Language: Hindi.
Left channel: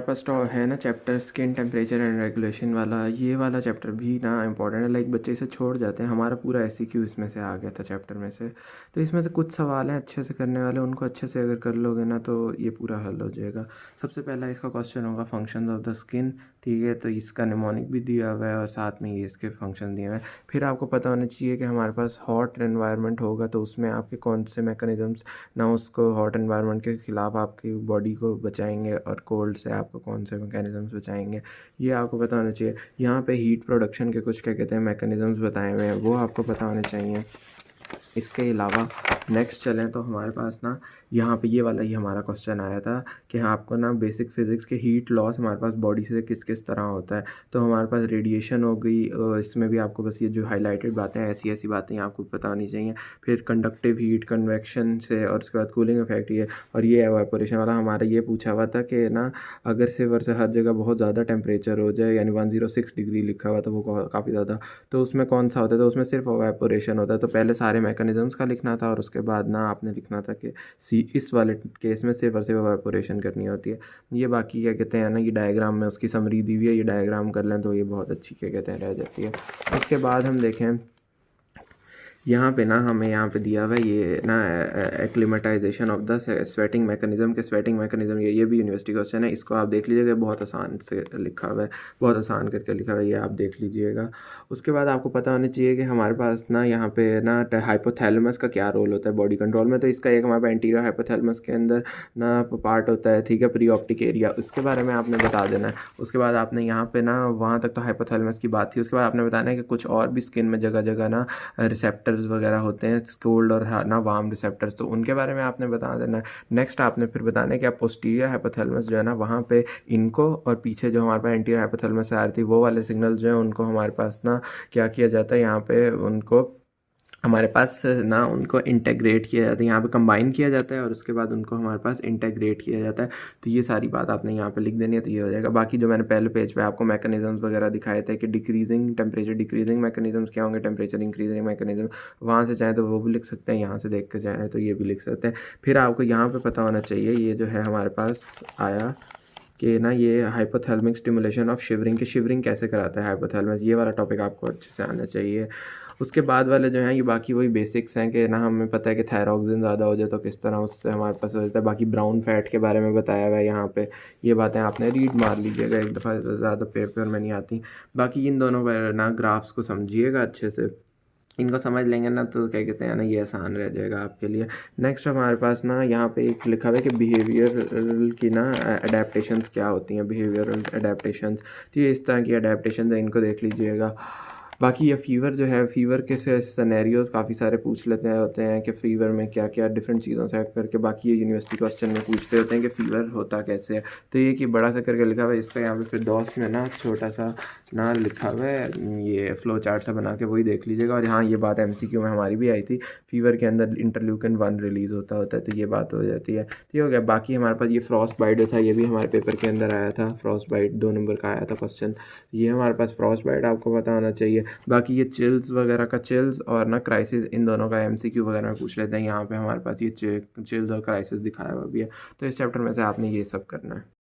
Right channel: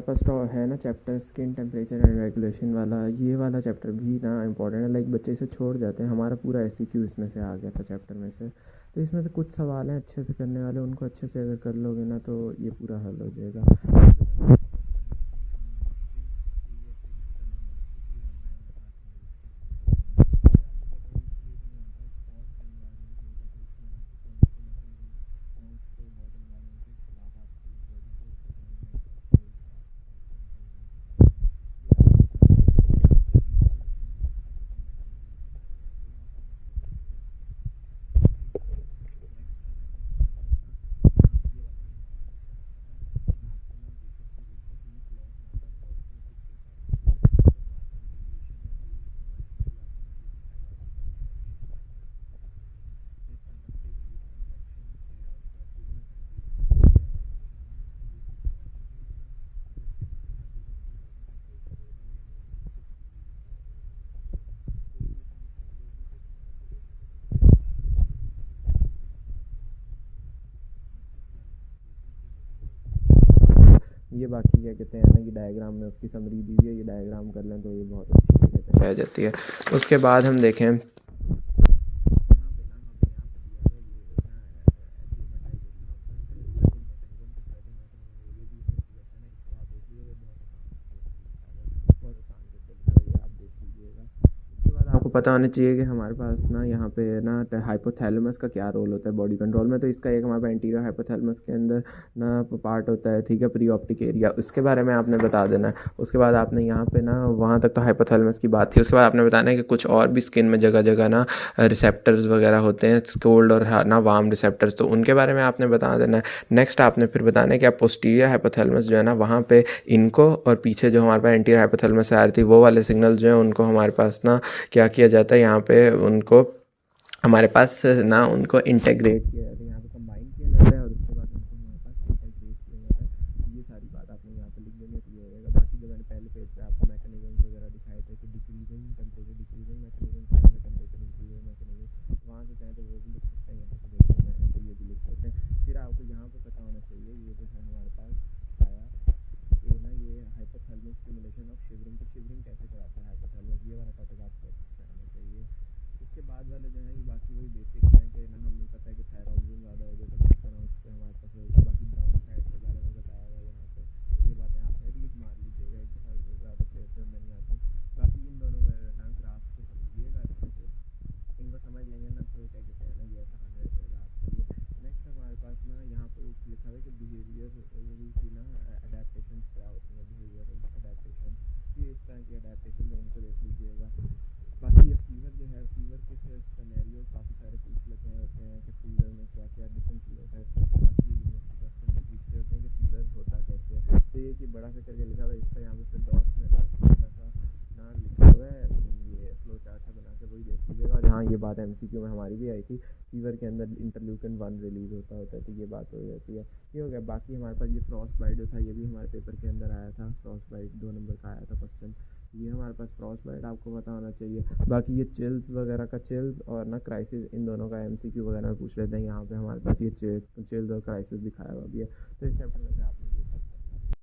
हमारे पास तो है ना chapter skin temperature and regulation वाला, ये वाला चैप्टर भी ना इंपॉर्टेंट है। लाइक बच्चे इसे छोड़ जाते हैं, हमारा पूरा एससीक्यू इसमें से आ गया था चैप्टर में से। तो इसमें से कुछ सवाल हैं अच्छे से करने वाले, उनको अच्छे से अगर कर लोगे ना तो ये पूरा हल हो जाएगा। सबसे पहला इसका क्वेश्चन होगा फंक्शन ऑफ द स्किन, ठीक है। तो इसका निमोनिक भी दिया हुआ है और साथ में ये इसके फंक्शन दिए हुए हैं। फिर आपको पता होना चाहिए कि हमारे पास हॉट एनवायरनमेंट होगा तो उसमें आपके कौन से मैकेनिज़म्स ना उसको हॉट एनवायरनमेंट के ख़िलाफ़ आपकी बॉडी को बचाएंगे और कोल्ड से आपको कौन से मैकेनिज़म्स बचाएंगे, ये आपको पता होना चाहिए। यहाँ पे हीट प्रोडक्शन के कुछ क्या कहते हैं मैकेनिज़म्स बताए हुए हैं, वो आपको पता होने चाहिए। इसके अलावा नेक्स्ट चलें तो हमारे पास ना यहाँ पे ये वाला ही हमारा क्वेश्चन आया था कि हाँ आपको ना बेसिक फ़िज़िक्स के हीट लॉस हमारे पास बॉडी से किस किस तरह होता है। तो हमारे पास रेडिएशन हो गई, इसमें भी आपको बस ये जो हाईलाइटेड बातें हैं ऐसी ऐसी बातें आपको पता होनी चाहिए। फिर कंडक्टिव हीट कन्वेक्शन से, और उसके बाद कूलिंग इफेक्ट ये, और ये एवापोरेशन वाला हमारा ये पूछा हुआ था कि ना अगर से हर जगह बहुत ज़्यादा टेम्परेचर हो जाए, यानी 106 डिग्री लिखा हुआ था वो काफ़ी ज़्यादा, तो उसमें कौन सा होता है, तो उसमें सिर्फ एवापोरेशन होता है। तो पहले सारे मैकेनिज़म्स का लिखना था और उसके बाद ना आपने लिखना था कि इस वाले केस में सिर्फ और सिर्फ एवापोरेशन करनी होती है। ये बाकी क्या कहते हैं ना, ये डायग्राम में उसकी समरी दी हुई है, ये डायग्राम कर लें तो ये बहुत अच्छी क्या कहते हैं रह जाती है। उसके बाद हम देखें यहाँ पे ना हमें यहाँ पे दिया हुआ है ये ना acclimatisation of the sweating mechanism के स्वेटिंग मैकेनिज़्म, ये भी यूनिवर्सिटी क्वेश्चन है। इसको आप देख लीजिएगा, बहुत आसान से लिखा हुआ है, बहुत आसान करके लिखा हुआ है, ये आप देख लीजिएगा। उसके बाद आपको पता होना चाहिए कि हमारे पास ना यहाँ पे ना हाइपोथैलेमस का क्या रोल होता है बॉडी कंट्रोल में। तो इसका एक हमारे पास एंटीरियर हाइपोथैलेमस के अंदर ना पार्ट होता है, ठीक है, प्री ऑप्टिक एरिया, उसके बारे में आपने बता देना है। उसके बाद आपने यहाँ पे ना वहाँ तक तो हाइपोथैलेमस की बात थी। उसके बाद आपने बताना है कि कुछ और भी स्किन में जगह जगह ना रिसेप्टर्स वगैरह होते हैं, कोल्ड और ना वार्म रिसेप्टर्स, तो उनके बारे में आपने बता देना है। नेक्स्ट आपने फिर बताना है कि आप पोस्टीरियर हाइपोथैलेमस जो है ना वहाँ पे इनको, और पीछे जो हमारे पास एंटीरियर हाइपोथैलेमस आ रही थी वो वाले सिग्नल जो है उनको हमारे पास ना क्या किया जाता है, यहाँ पे उनको हमारे पास ना उनको इंटेग्रेट किया जाता है, यहाँ पे कंबाइन किया जाता है और उसके बाद उनको हमारे पास इंटेग्रेट किया जाता है। तो ये सारी बात आपने यहाँ पे लिख देनी है, तो ये हो जाएगा। बाकी जो मैंने पहले पेज पे आपको मैकेनिज़म्स वगैरह दिखाए थे कि डिक्रीजिंग टेम्परेचर डिक्रीजिंग मैकेनिज़म्स क्या होंगे, टेम्परेचर इंक्रीजिंग मैकेनिज़्म, वहाँ से चाहें तो वो भी लिख सकते हैं, यहाँ से देख के जाएँ तो ये भी लिख सकते हैं। फिर आपको यहाँ पर पता होना चाहिए, ये जो है हमारे पास आया कि ना ये हाइपोथैलेमिक स्टिमुलेशन ऑफ शिवरिंग, के शिवरिंग कैसे कराता है हाइपोथैलेमस, ये वाला टॉपिक आपको अच्छे से आना चाहिए। उसके बाद वाले जो हैं ये बाकी वही बेसिक्स हैं कि ना हमें पता है कि थायरॉक्सिन ज़्यादा हो जाए तो किस तरह उससे हमारे पास हो जाता है। बाकी ब्राउन फैट के बारे में बताया हुआ है यहाँ पे, ये बातें आपने रीड मार लीजिएगा एक दफ़ा, ज़्यादा पेपर में नहीं आती। बाकी इन दोनों ना ग्राफ्स को समझिएगा अच्छे से, इनको समझ लेंगे ना तो क्या कहते हैं ना ये आसान रह जाएगा आपके लिए। नेक्स्ट हमारे पास ना यहाँ पे एक लिखा हुआ है कि बिहेवियर की ना अडेप्टशंस क्या होती हैं, बिहेवियरल अडेप्टशंस, तो ये इस तरह की अडेप्टशंस है, इनको देख लीजिएगा। बाकी ये फ़ीवर जो है, फ़ीवर के सिनेरियोज़ काफ़ी सारे पूछ लेते हैं होते हैं कि फ़ीवर में क्या क्या डिफरेंट चीज़ों से करके, बाकी ये यूनिवर्सिटी क्वेश्चन में पूछते होते हैं कि फ़ीवर होता कैसे है। तो ये कि बड़ा सा करके लिखा हुआ है, इसका यहाँ पे फिर दोस्त में ना छोटा सा ना लिखा हुआ है, ये फ्लो चार्ट सा बना के वही देख लीजिएगा। और हाँ ये बात एमसीक्यू में हमारी भी आई थी, फ़ीवर के अंदर इंटरल्यूकिन 1 रिलीज़ होता है, तो ये बात हो जाती है। तो ये हो गया। बाकी हमारे पास ये फ्रॉस्ट बाइट जो था ये भी हमारे पेपर के अंदर आया था, फ्रॉस्ट बाइट 2 नंबर का आया था क्वेश्चन, ये हमारे पास फ्रॉस्ट बाइट आपको पता होना चाहिए। बाकी ये चिल्स वगैरह का, चिल्स और ना क्राइसिस, इन दोनों का एमसीक्यू वगैरह में पूछ लेते हैं। यहाँ पे हमारे पास ये चिल्स और क्राइसिस दिखाया हुआ भी है, तो इस चैप्टर में से आपने ये सब करना है।